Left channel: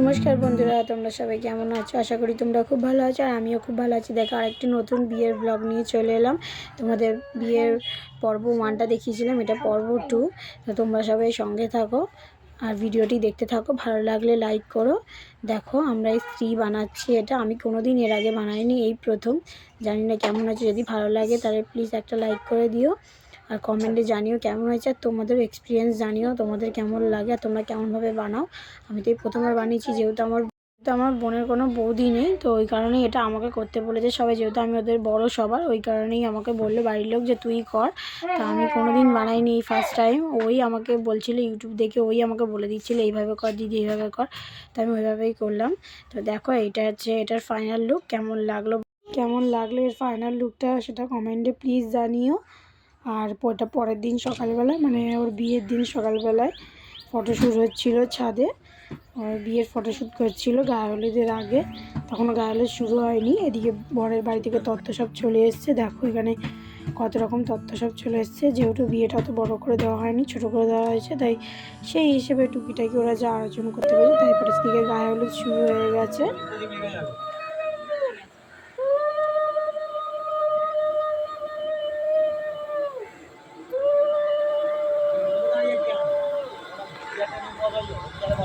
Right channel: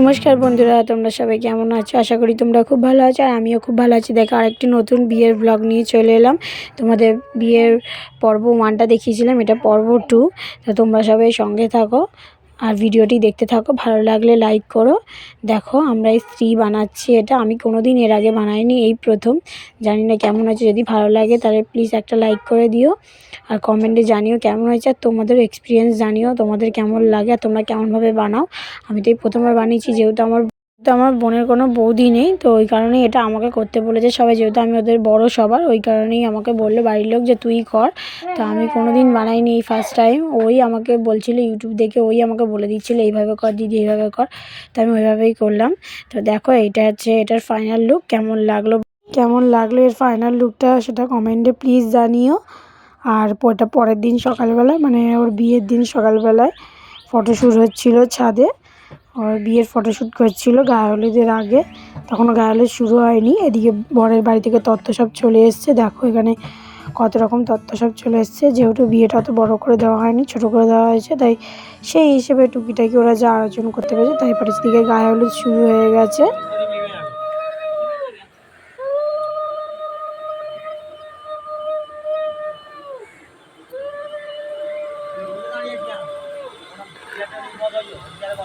নমস্কার বন্ধুরা, তোমরা সবাই কেমন আছো? আশা করি তোমরা খুব ভালো আছো আর আমিও খুব ভালো আছি। দেখো, আরেকটি নতুন বিয়ের ব্লগ নিয়ে চলে এলাম। তোমাদের বিয়ের পর্ব ওয়ানটা দেখিয়েছিলাম, এটা পর্ব টু তো তোমরা সবাই সঙ্গে থাকো। আর ভিডিওটি দেখতে থাকো, ভালো লাগলে লাইক করো। দেখো, আমরা এই স্ত্রী বানাচ্ছি এটা। আমি কোনো দিন এর আগে বানাইনি এই প্রথম। জানি না কেমন আছে যদি ভালো লাগে তাহলে প্লিজ একটা লাইক করে দিও। আর কমেন্টে জানিও কেমন হয়েছে। আর তোমাদের এক্সপিরিয়েন্স জানিও, তোমাদের কেমন লাগে, আর তোমরা কেমনভাবে বানাও। আমি তো এই প্রথমবার বানিয়েছি, যেহেতু আমার তো আমার বোনের কোনো বৌদি নেই, তো ওই কারণেই এটা আমাকে করতে বলেছে সবাই, যেহেতু আমি ওদের বড় সবার, ওই কারণেই আমাকে বলল, বাড়ির লোক যে তুই কর। তো আমি কোনো দিন বানাইনি এই ফার্স্ট টাইম ওই আমাকে বলছিল ইউটিউব দেখে, ওই আমাকে বলে দিচ্ছিল, এইভাবে কর দিদি, এইভাবে কর। তো আমি ওইভাবেই করলাম। তো দেখো এটা হচ্ছে এটার ফাইনাল লুক কেমন লাগল? কেমন লাগল এর ফাইনাল লুকটা সেটা কমেন্টে প্লিজ জানিও। আর ওটা পরের দিন সকালবেলা মানে ওর বিয়ের দিন সকালবেলায় ফটোশ্যুট হচ্ছিল ছাদে। ওর বিয়ের ফটোশ্যুট করছিল গায়ে হলুদের আগে। তখনও গায়ে হলুদ শুরু হয়নি। এদিকে বরের বাড়ি থেকে তত্ত্ব সব চলে এসছে। দেখো এখানে কত রকম তত্ত্ব সব চলে এসছে। যেহেতু বিয়েটা অত বড় করে দেওয়া হয়নি, ছোট করে দেওয়া হয়েছে, তাই সেই হিসেবে টুকিটাকি ওরা যা আয়োজন করতে পেরেছে, তাই পারে গায়ে হলুদ শুরু হয়ে গেছে। 包装有，你家的包。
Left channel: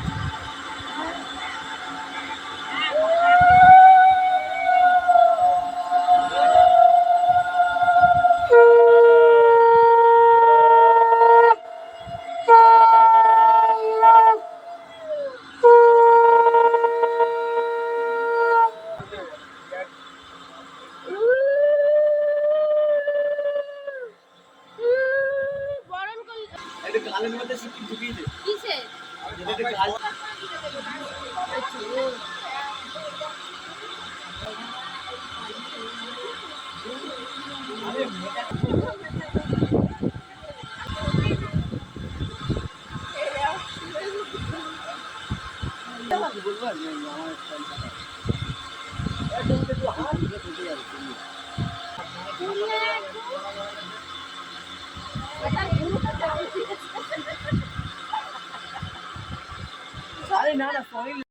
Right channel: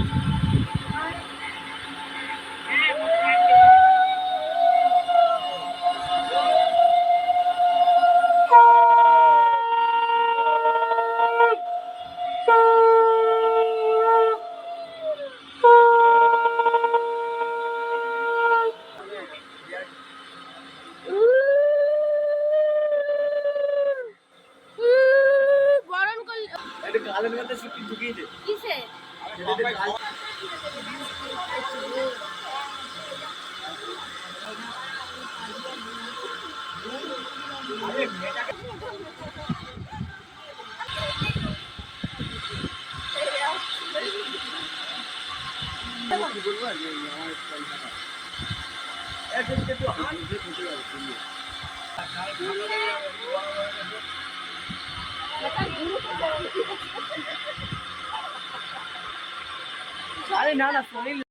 এটা গালের মধ্যে সিকিম ঢুকিয়ে দে কিসে? যদি এটা গাল কি বলব আমার একদম একটু হাত তুমি। আরে না না সরি তো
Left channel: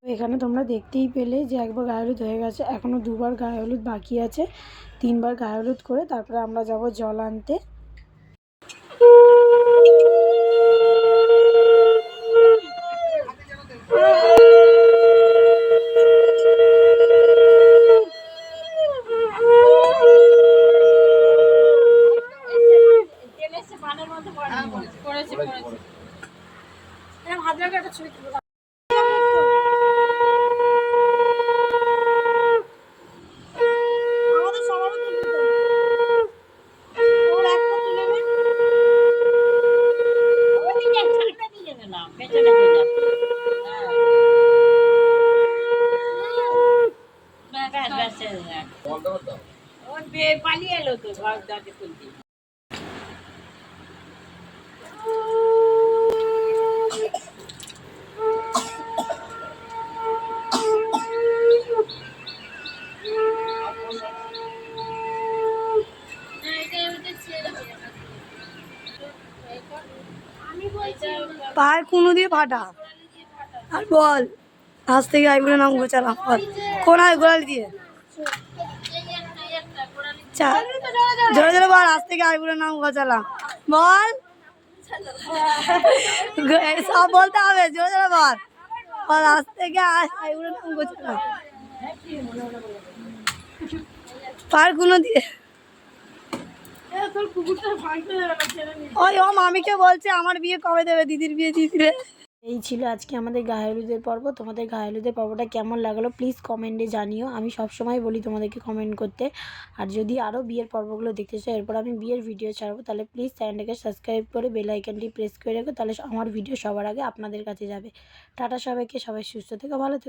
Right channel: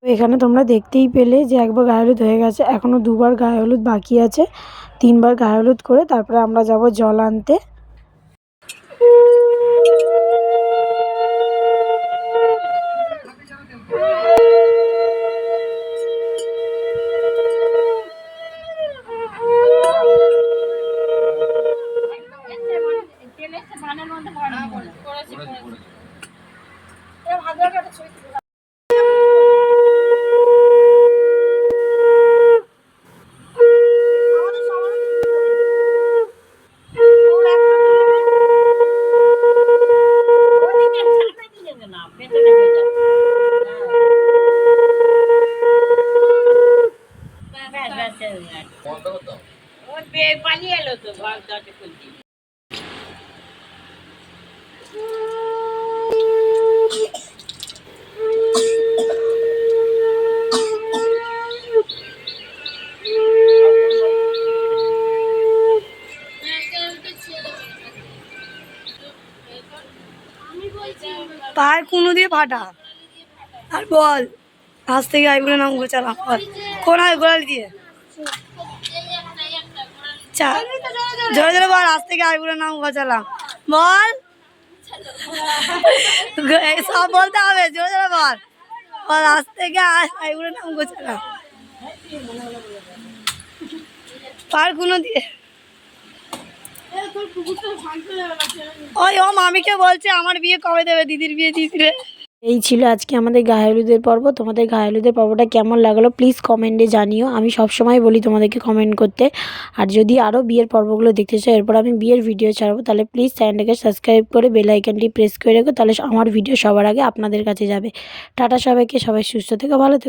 এখানে তোমরা দেখতেই পেলে যে একবার গায়ে হলুদ হয়ে গেছে। এখনও দুবার গায়ে হলুদ বাকি আছে। তিনবার গায়ে হলুদ করে তারপরে আমরা যাব জল আনতে এরকম হাত ধরে একটা ছবি তুলে দাও। আমাদের সবারই তুলতে হবে। ওর একটা তুলে নে। ওদিকে ছাড়তে দিলে না, পেছনে হয়ে যাচ্ছে। হ্যাঁ। ব্যাস, ব্যাস, ব্যাস, ব্যাস। ও বে- পালিয়ে এলো তো পায়ের কুনো দিয়ে ফাটা। আর বল আজ থেকে আইগুলো নাম গোছালাম। বল, কোন আয় গোড়ালি দিয়ে? চা জোরে জোরে বল, আজ থেকে আইগুলো নাম গোছালাম বল। সব বলতে হবে, জোরে জোরে বল। বল, আজ থেকে আইগুলো নাম গোছালাম পায়ের কুনো দিয়ে। ওই, ও মামিকে বলছে, আমার বিয়ে কবে দেবে, দিদির বিয়ে দিদিরে এই ছিল আজকে আমাদের গায়ে হলুদের পর্ব। তোমাদের গায়ে হলুদের পর্বটা কেমন লাগল প্লিজ কমেন্টে জানিও। আমি সবসময় বলি তোমাদেরকে কমেন্ট করতে। আর যদি আরও বিয়ের পর্বগুলো দেখতে চাও, এরপর আমি বিয়ের ভিডিও ছাড়বো, তাহলে প্লিজ চ্যানেলটাকে সাবস্ক্রাইব করে বেল আইকনটি প্রেস করে রেখো, তাহলে আমার ভিডিও সবার আগে আপনাদের কাছে যাবে। টাটা সবাইকে, সবাই সুস্থ থেকে, ভালো থেকো।